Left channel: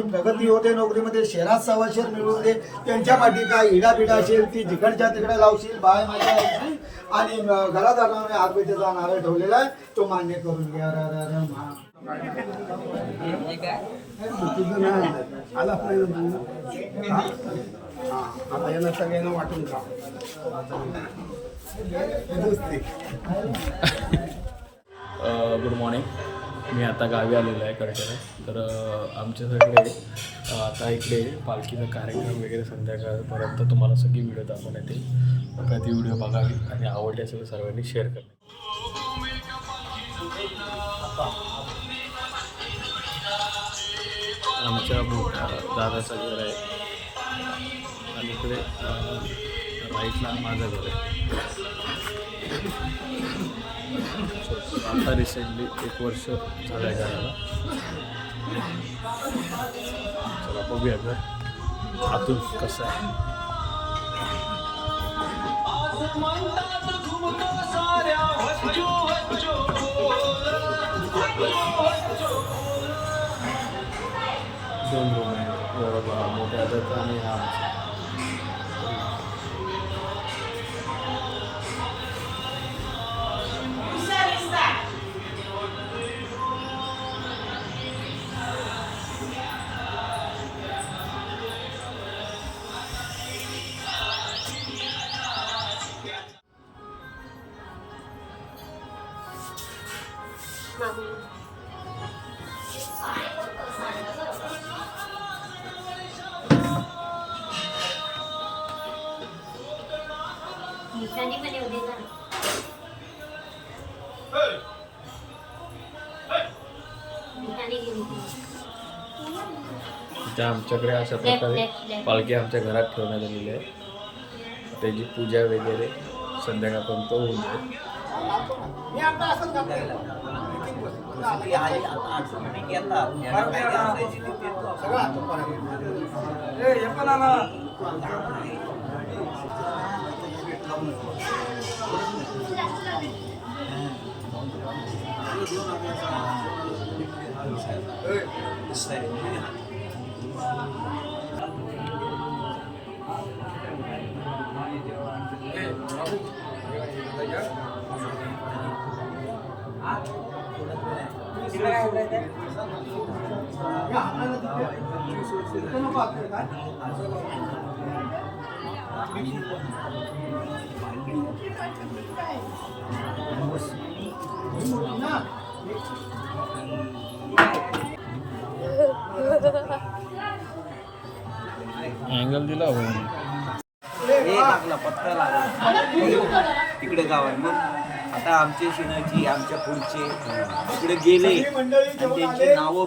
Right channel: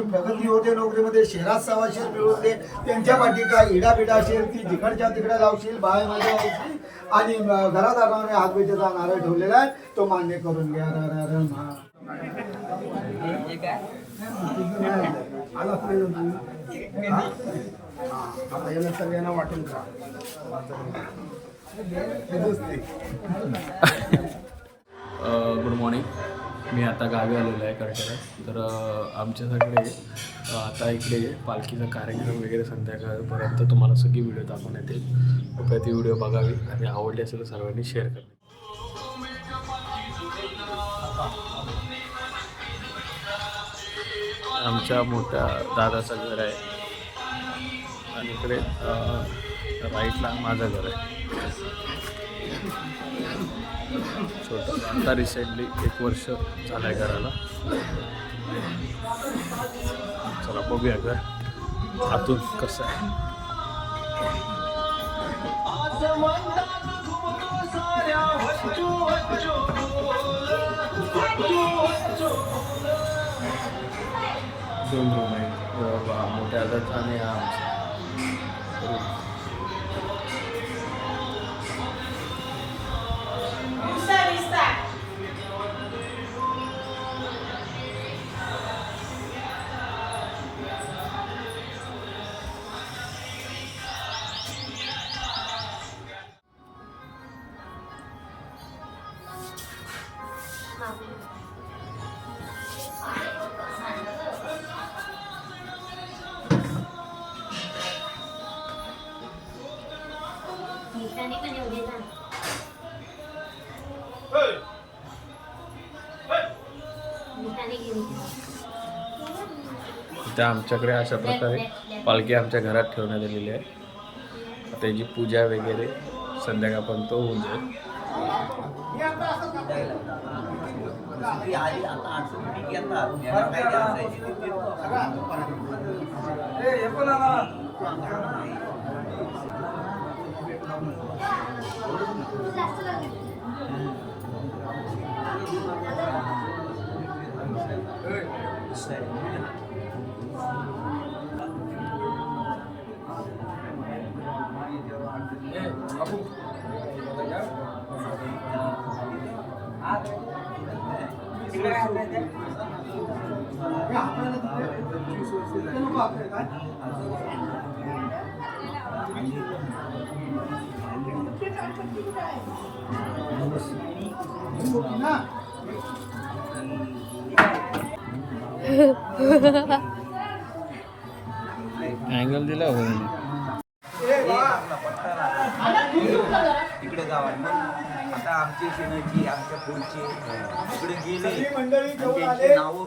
प्रगती होते नोकरीमध्ये, शहरात सवाशेर मिळवून दे. त्यांच्या पाठी काय इडापिडा असेल ती जिकडच्या तिकडे लावशील, बाय माझ्या लावशील आणि घरात आल्याने हातपेटीचा नारळ ठेवलेला आहे तो मान्य करून घ्या. आलाच नाही ना तू. आता यांना सगळ्यांना वाटून खा. Good morning. मी आता गावी आलेलो आहे करटेला. तर आमच्याकडे आता इकडे पालखीचा कार्यक्रम वगैरे संध्याकाळपर्यंत तुम्हाला सगळी व्हिडिओ दाखवण्यात येईल. कृपया ती व्हिडिओ बघावी आणि आवडली असेल तर सर्वांनी शेअर करणे. आमच्या मोठ्या दादाचं घर आहे आणि इकडे राईटला माझं घर आहे. छोटं आता रिसेंटली 1 वर्ष झालं आहे घराला. चला बघूया घर आतून कसं आहे. दोन रूम आहे, मोठ्या आदाचा आणि हा आमचा रूम. त्या आमच्याकडे अशा प्रकारे पालखी आमच्या घरात ठेवण्यात आलेली आहे. त्याची पूजा वगैरे संध्याकाळपर्यंत होऊन जाईल. अँगल दिला हो तिकडे गावात. मग आता आमचे शिनाची आमच्या पुढचे तिकडे गेले त्यांची नावं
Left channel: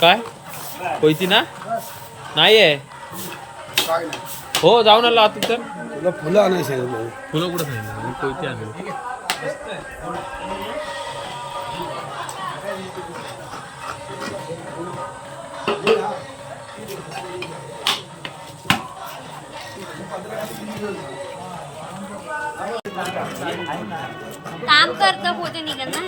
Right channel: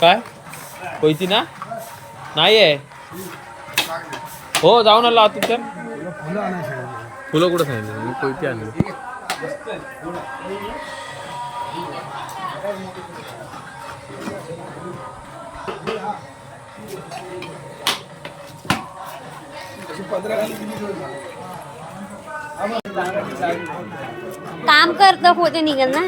काय कोयती ना नाही आहे. हो जाऊन आला आता. तर फुलं नाही सांगितलं. फुलं कुठं सांगितलं मी कोयती आणली. काम करता होते निघल ना.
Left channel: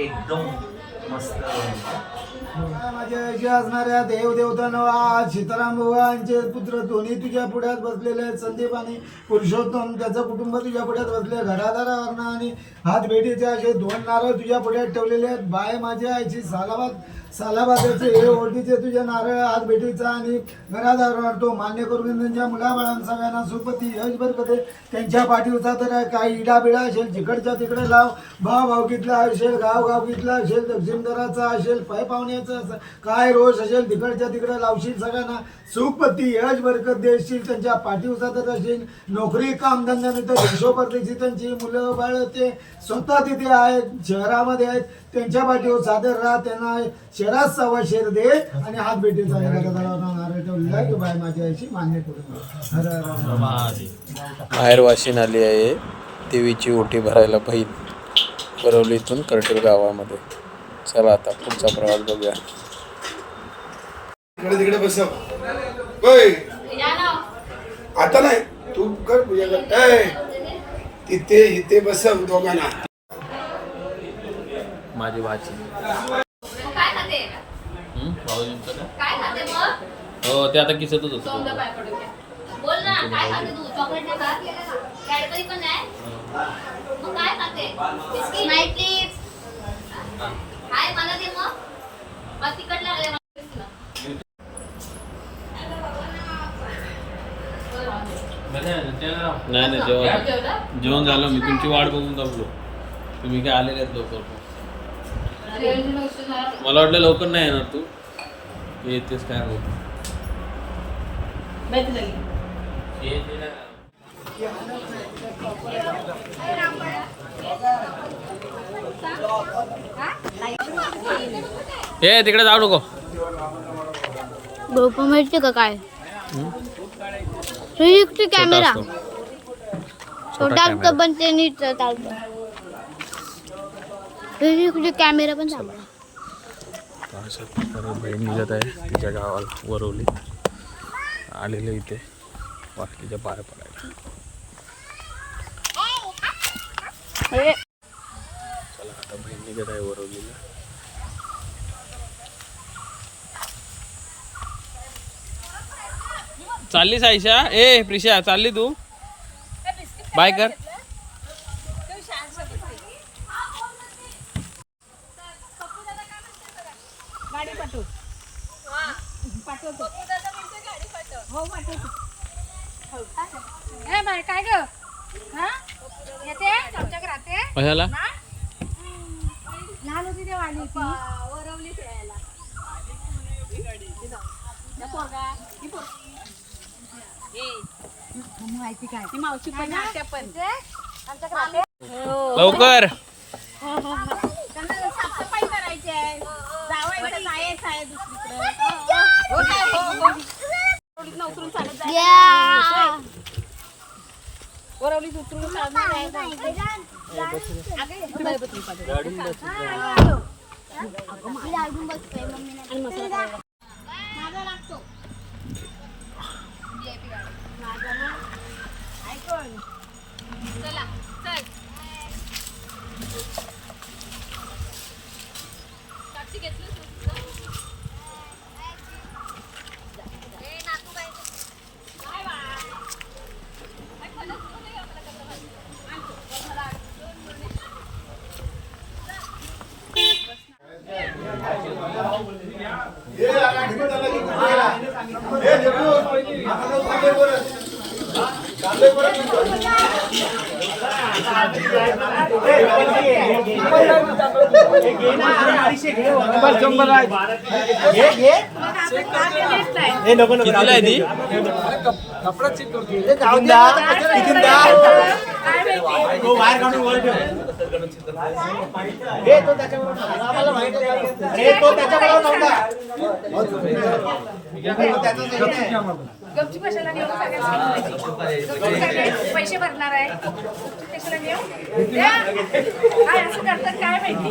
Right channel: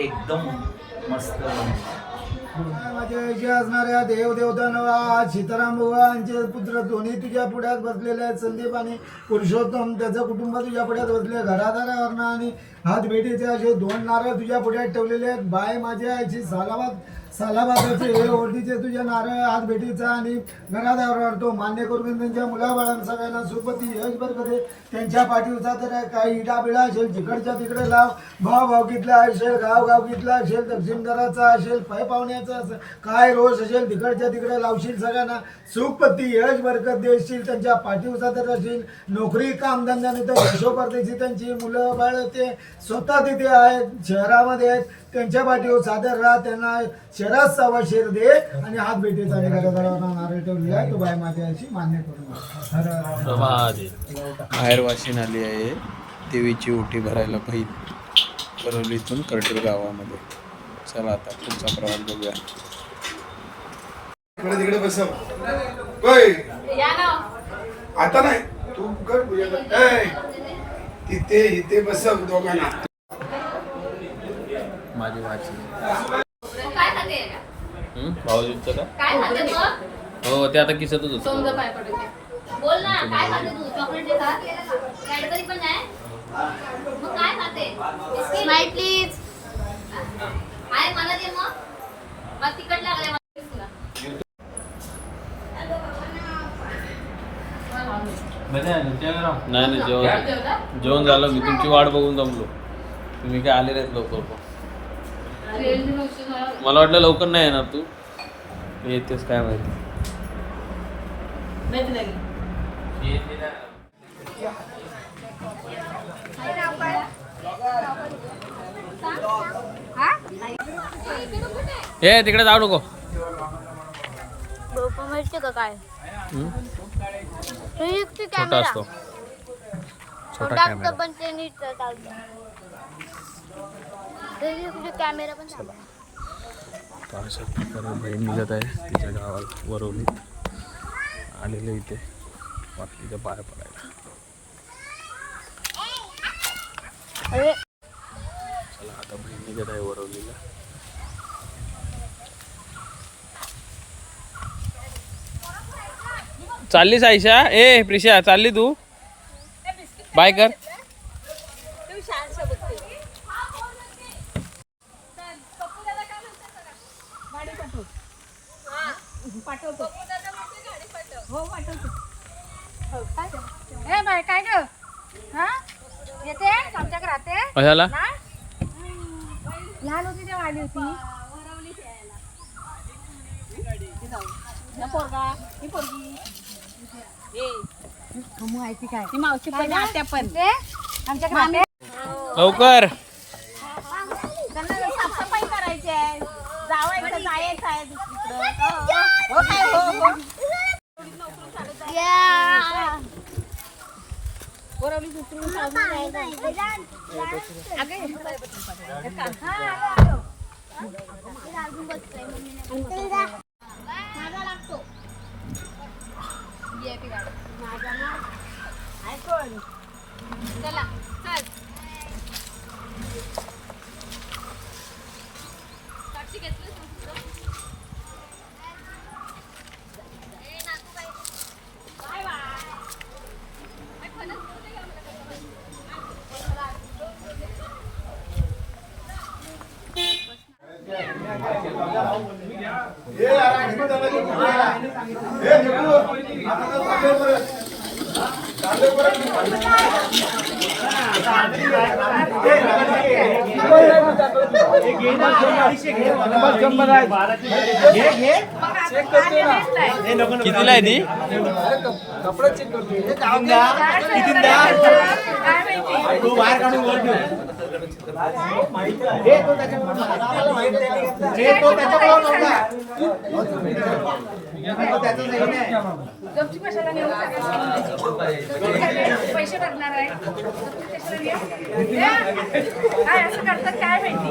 एकदम मस्त माझ्या जे असणाऱ्या देवदेवता सीताराम भगवानचे पुत्र दोन्ही तुझ्या पुढ्यात बसलेले आहेत. संदीप आणि पुरुषोत्तम त्याचं कुटुंब तुझ्या पुढ्यात बसले. घरादारावरनं आणि हात भेटीचे असे 2 नारळ तुझ्या पुढ्यात ठेवलेले आहेत. बाय माझ्या आईची सालाबादाचे हे ओढीचे तुझे नारळ हात भेटीचा आणि घरादारावर तो मान्य करून त्यांच्या मुलाबाळांना सगळ्यांना सुपती यशभर कधी त्यांच्या पाठीवचा तर काही इडाबिडा असेल जिकडच्या तिकडे लाव. भाव घेतला असेल गाव घेतला असेल दक्षिण करायचा असेल पाय पाहुण्याचा असेल काय रोष असेल तिकडच्या तिकडे लावशील. सगळ्यांना सुखपती यश बरकत देशील. त्यांच्या पाठीवचा तर असेल नोकरी कामधंद्याने तर यशोपर्देशी त्यांची मुलं बाळ ते स्वतः तिथे आहेत शहरामध्ये आहेत. त्यांच्या पाठीवर सादर राहा. त्यांना शहरात 6 शेर दे आणि हात भेटीचा आणि घरादारावर नारळ ठेवलेला की बाय माझ्या याची मान्य करून बाहेर वाशिन आली आहे देवीची ओटी भरायला बहीण बरवलीतून करटेल गावामध्ये. चला आता पुढचा प्रवास बघूया. तिकडे बसव होय आता नाही तू कर पूजा कर. तिथे इथे बसव दोघांना. माझी भाची काय खाते भाऊजींचं का काय खाते मग हो ते आता किसतच होतं. समजा पाय पडू दे. बोल ना काय खाते तू चॉकलेट आहे का कॅडबरी पण आहे मग काय खाते स्माइल प्लीज काय मला दे मग तिकट लागले नाही जेवण झालं. मी तुमची वाट बघून जमलो. तुम्ही काय आले नाहीत लवकर. मला वाटलं लवकर नाही येणार तू. येतेस काय माहिती. हे तिकडे जाऊ नको. ग्रुप माहिती का काय छोटा कॅमेरा असतो छोटा कॅमेरा. पण ते नीट चालतो. कॅमेरा पण चालतो. तर अशा प्रकारे बहीण निघत आहे तिच्या गावाला वरवलीत आलेले इथे पालखीच्या पाया पडायला. चला आता बहीण निघत आहे वरवलीला. चाललीस आयशा ए प्रिशा चालली तू बाय कर. काय ग येते आमच्या राहते कशाला लहान होती तेव्हा आली होती मावशी पण आत्या पण आमच्या लवकर साफसफाई करायची आहे जायचं आहे दुसरीकडे चला चल साक्षी घेतलं कितीला आहे ती? गपचूप कशाला नेऊ? पैसे भरणार आहे, गपचूप कशाला नेऊ? द्या. काय असं करतात काय माहिती.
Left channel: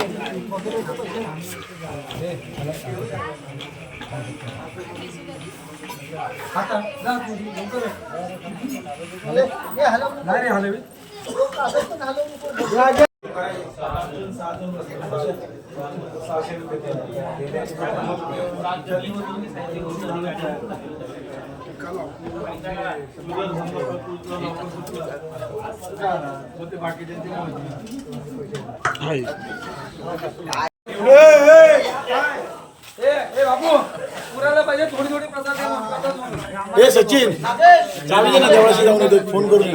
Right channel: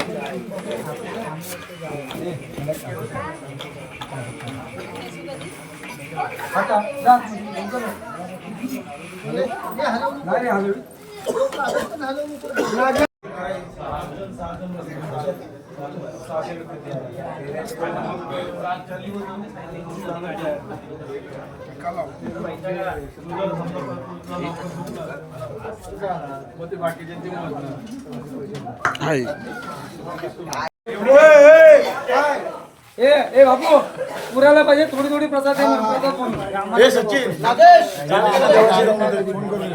बाबू पुराला पाहिजे थोडी थोडी प्रसाद हे सचिन फोन करून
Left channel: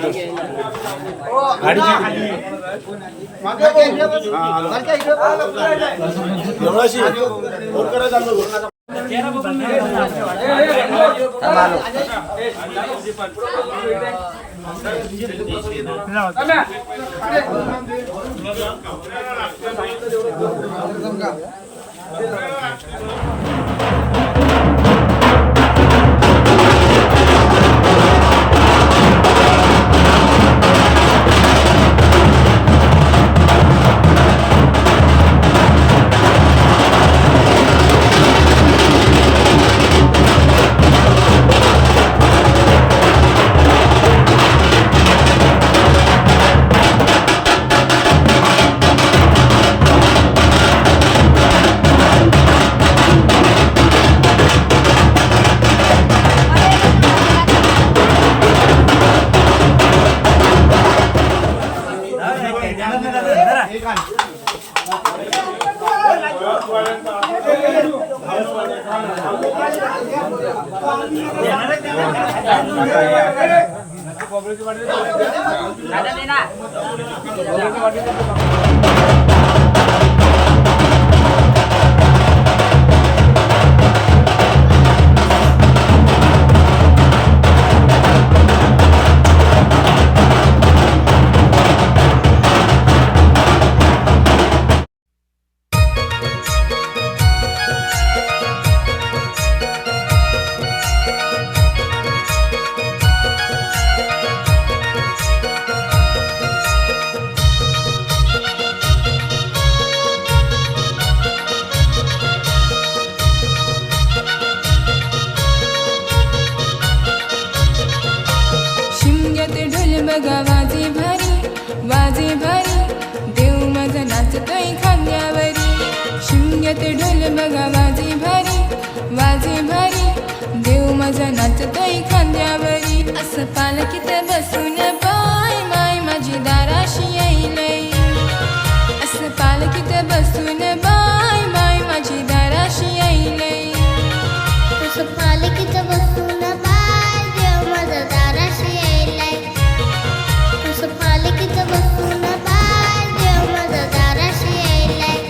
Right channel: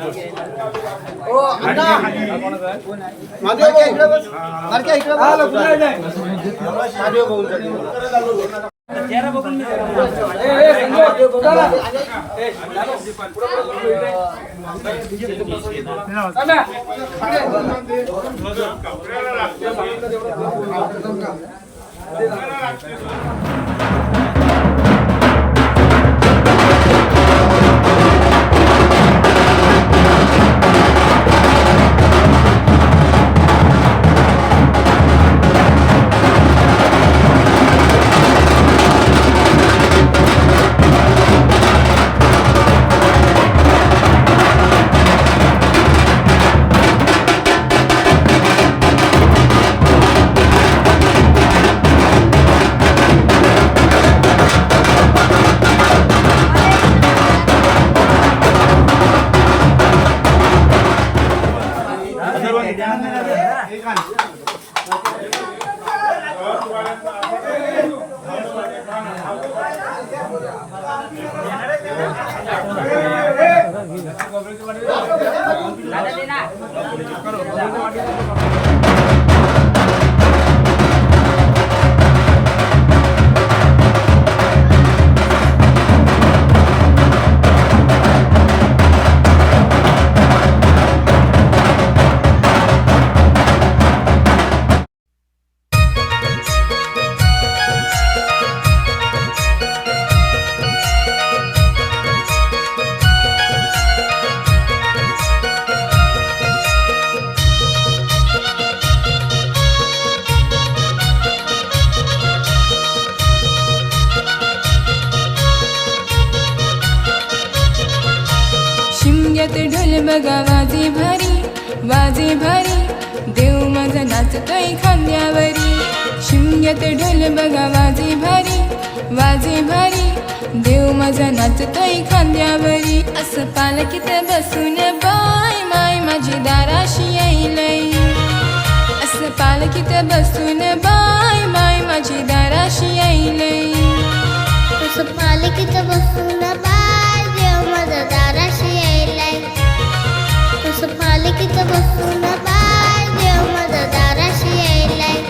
बघा वाजे भारी देव माझा नाचतोय खांद्यावरी. शिमग्यात ढोल बघा वाजे भारी देव माझा नाचतोय खांद्यावरी. असं पालखीत बसून बाय माय माझी दाराशी येईलय. असं पालखीत बसून बाय माय माझी दाराशी येईलय. असं पालखीत बसून बाय देव माझा दाराशी यायलाय. असं पालखीत बसून बाय देव माझा दाराशी यायलाय.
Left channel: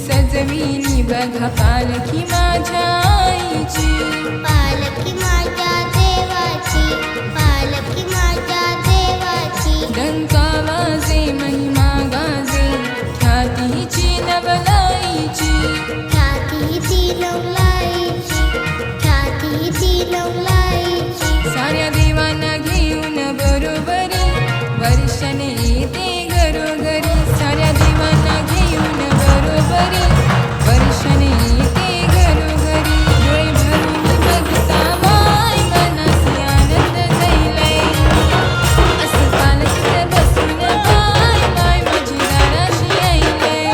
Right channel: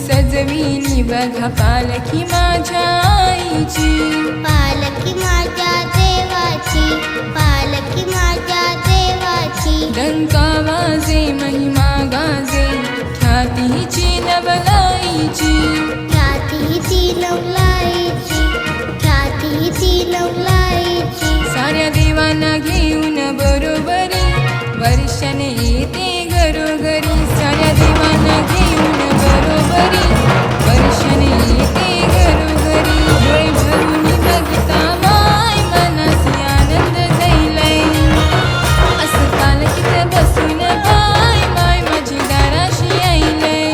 सजविली बघा पालखी माझ्या आईची. पालखी माझ्या देवाची, पालखी माझ्या देवाची. डंका वाजे महिमा गाजे ख्यातीची नवलाईची. ख्यातीची नवलाईची, ख्यातीची नवलाईची. साऱ्या देवांना घेऊन बरोबरी वर्षाने येते घरोघरी. साऱ्या देवांना घेऊन बरोबरी वर्षाने येते घरोघरी. डोळे भरून बघता माय मनासी आनंद जाईलाय. असं पालखीत बसून बाय माय माझी दाराशी यायलाय.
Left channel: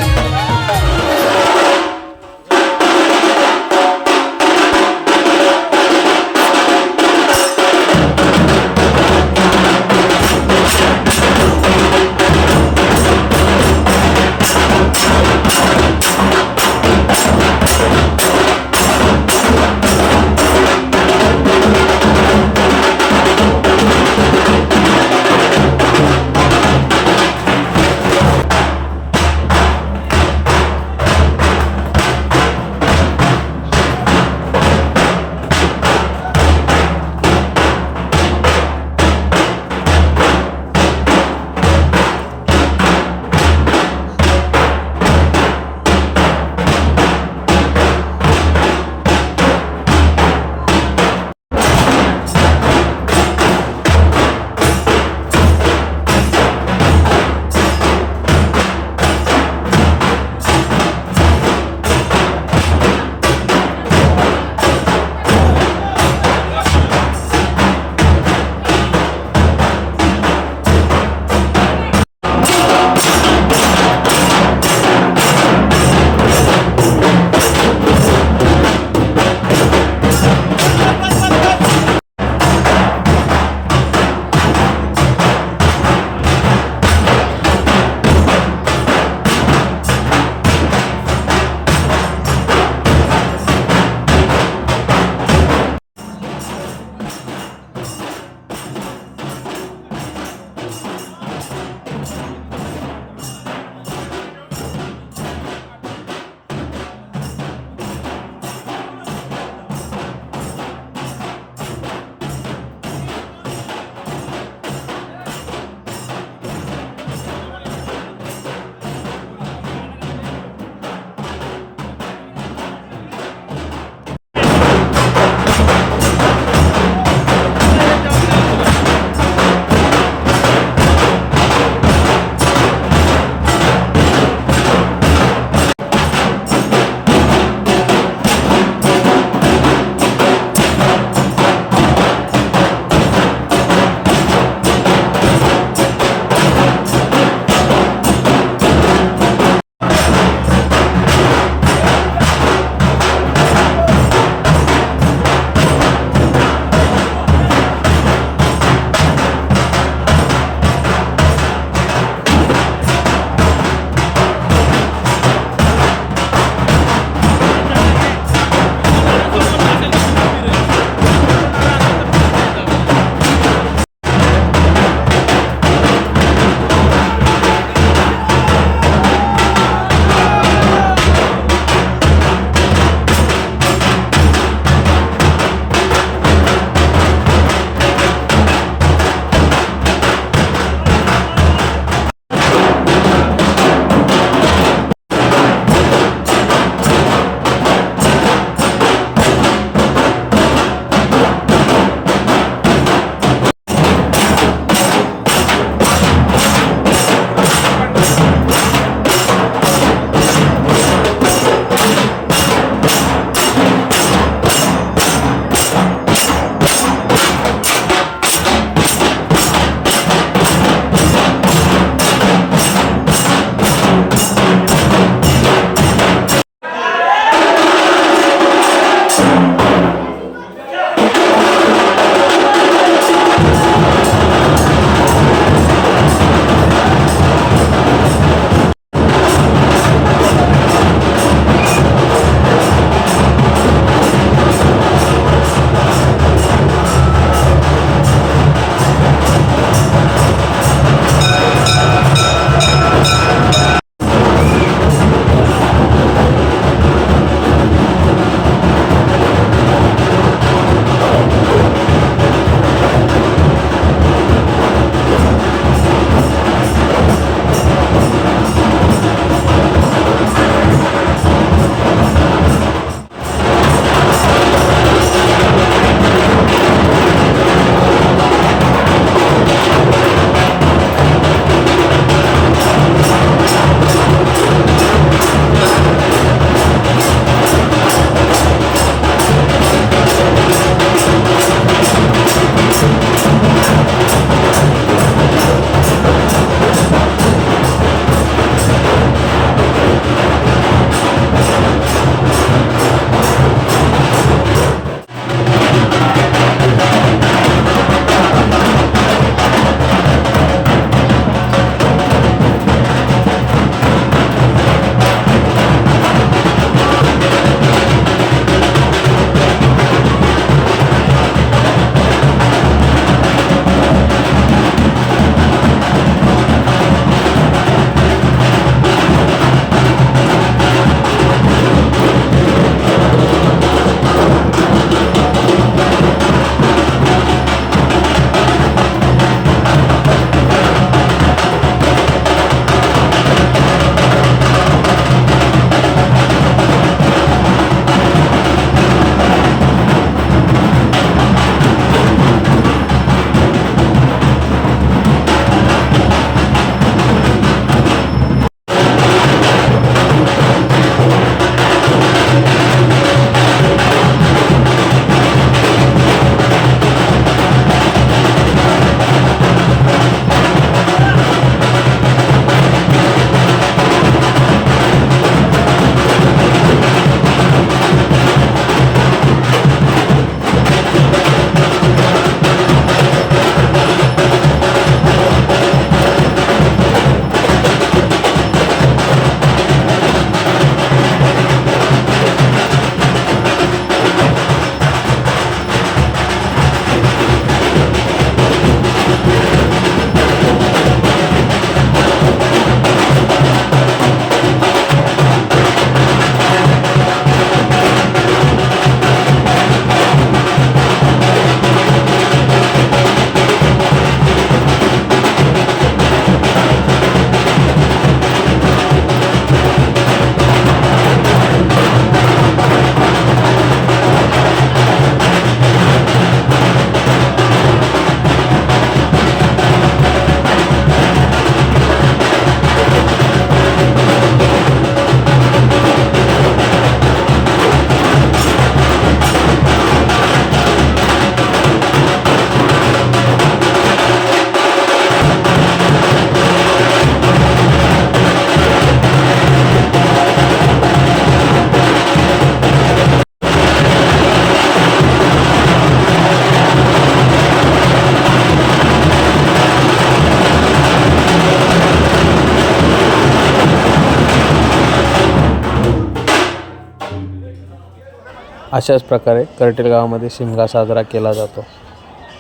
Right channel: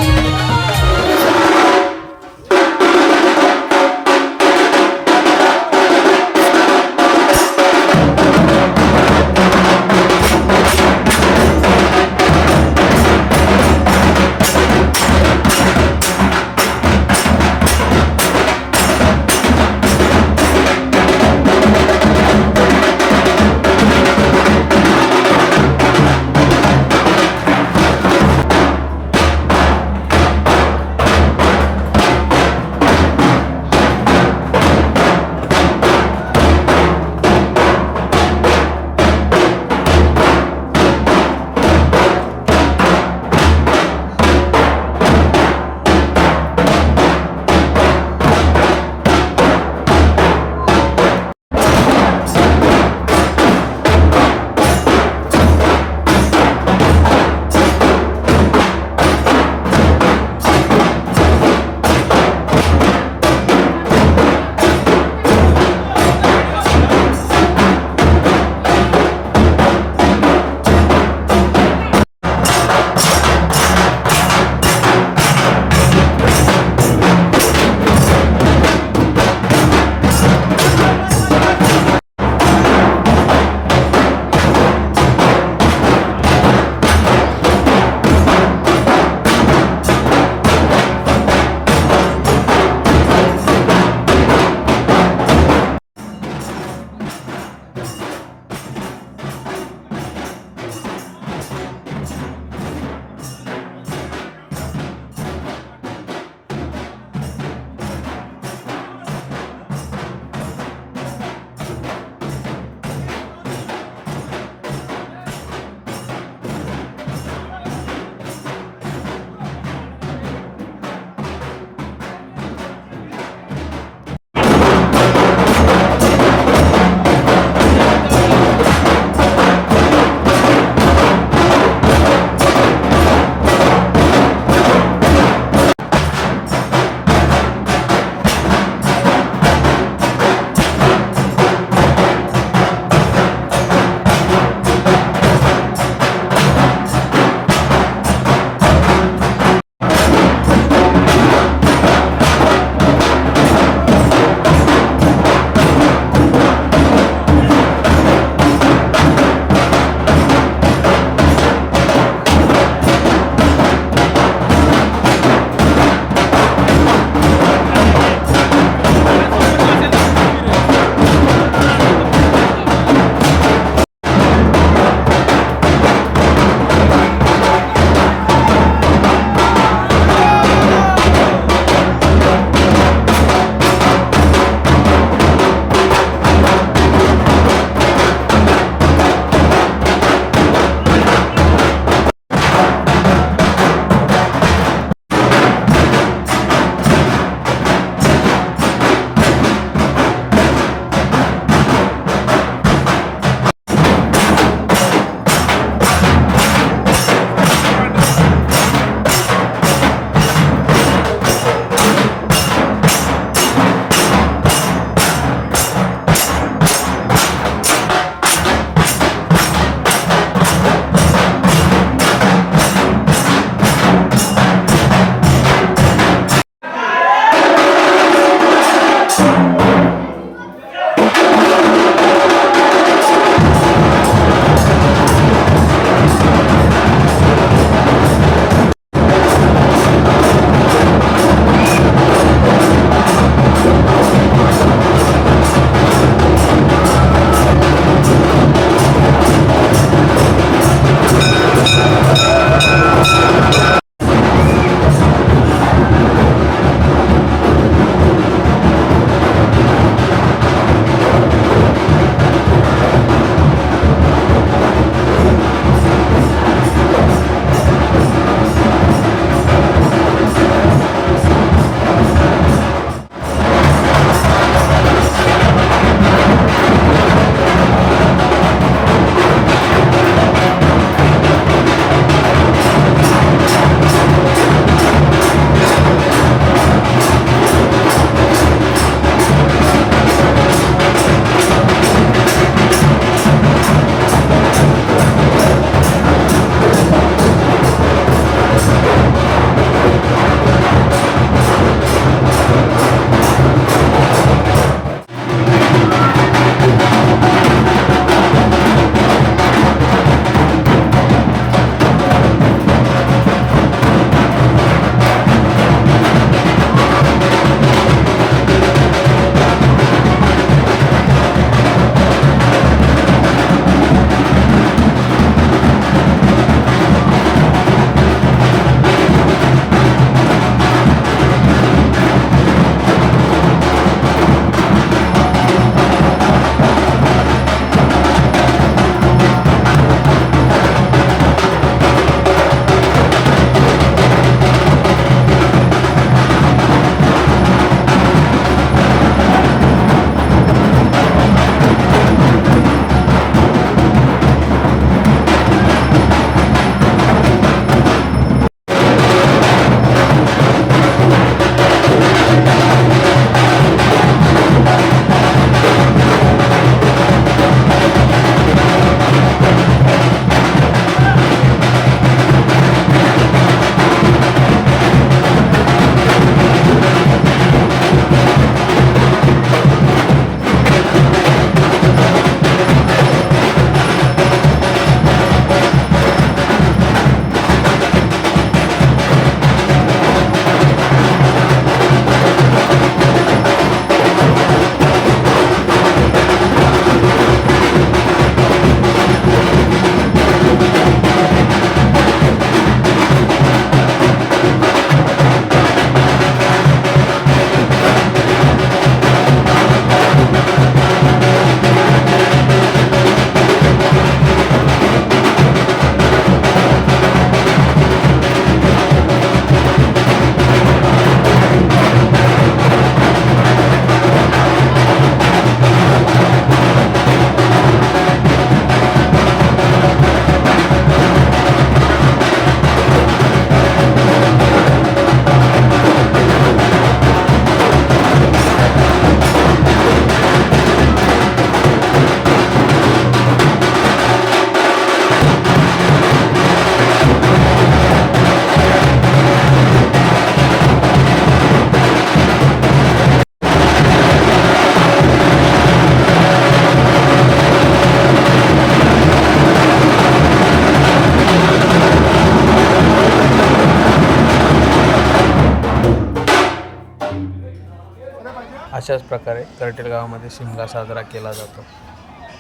अशाच प्रकारे कर्टेल गावामध्ये शिमगा साजरा केला जातो.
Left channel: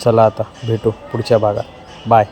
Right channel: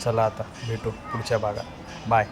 चला आता भेटू पुढच्या भागात. बाय.